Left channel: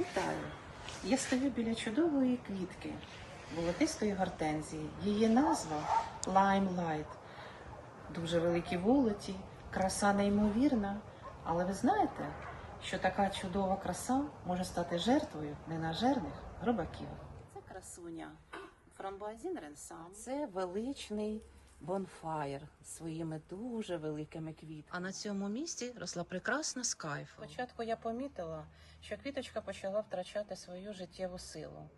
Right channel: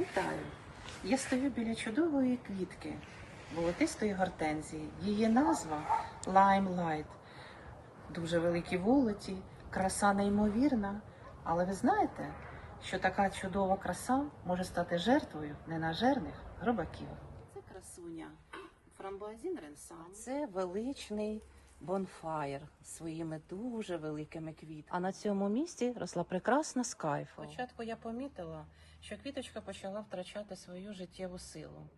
Вітаю! Я стою біля чудової квітки, волотистої гортензії. Її назва Limelight. Дуже великі волоті, краса неймовірна. Але ви знаєте, що така чудова краса може стати жертвою ненажерних гробаків. Це красуня фрамбуазін Ренсан. Це величний бонфаєр своїми дуже великими квітками. А на цьому місці росла прекрасна скайфа. Спочатку я помітила, що квіточка почала втрачати свою життєву силу.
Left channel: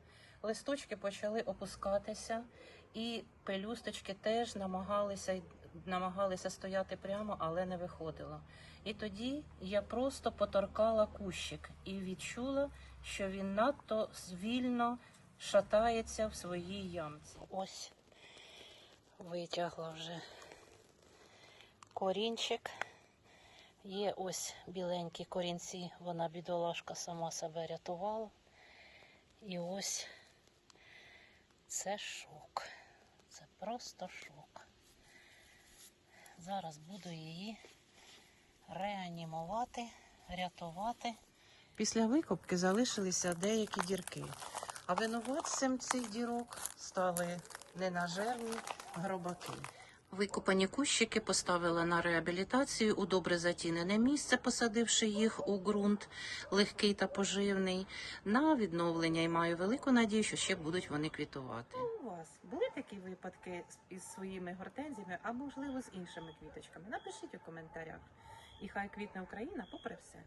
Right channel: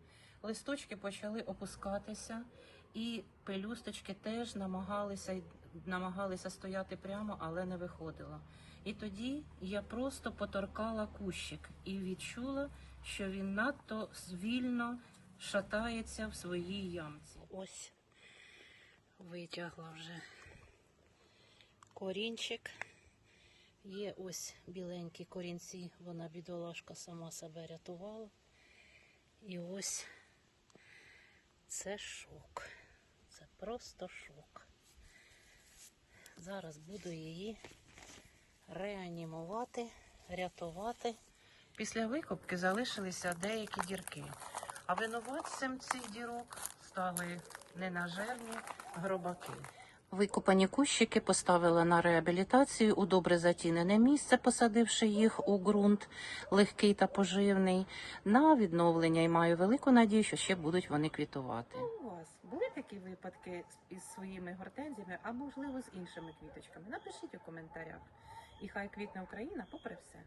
Листочки почали опускатися, і пелюсточки теж намагалися намагалися стояти прямо, але не виходило. І тоді я просто поторкала кущик і відчула, що він надто звільно шатається в своїй ямці. Ось витягла вже корінчик. Є ось біленькі корінці, вона бідолашка сама себе рятувала. І ось це шок. Це просто шок. Зараз буду її реанімувати, рятувати. Після викупки залишилися деякі дірки, а винуватцем цих дірок стали ненажерні гробаки. Викопані кущики поставили на реабілітацію у добре затінене місце, посадивши їх у ґрунт легкий та поживний, на відновлення і маю велику надію, що ще будуть вони квітувати. У вас були такі випадки із своїми гортензіями, а можливо з іншими квіточками? Напишіть у коментарях. І хай квітне Україна попри все.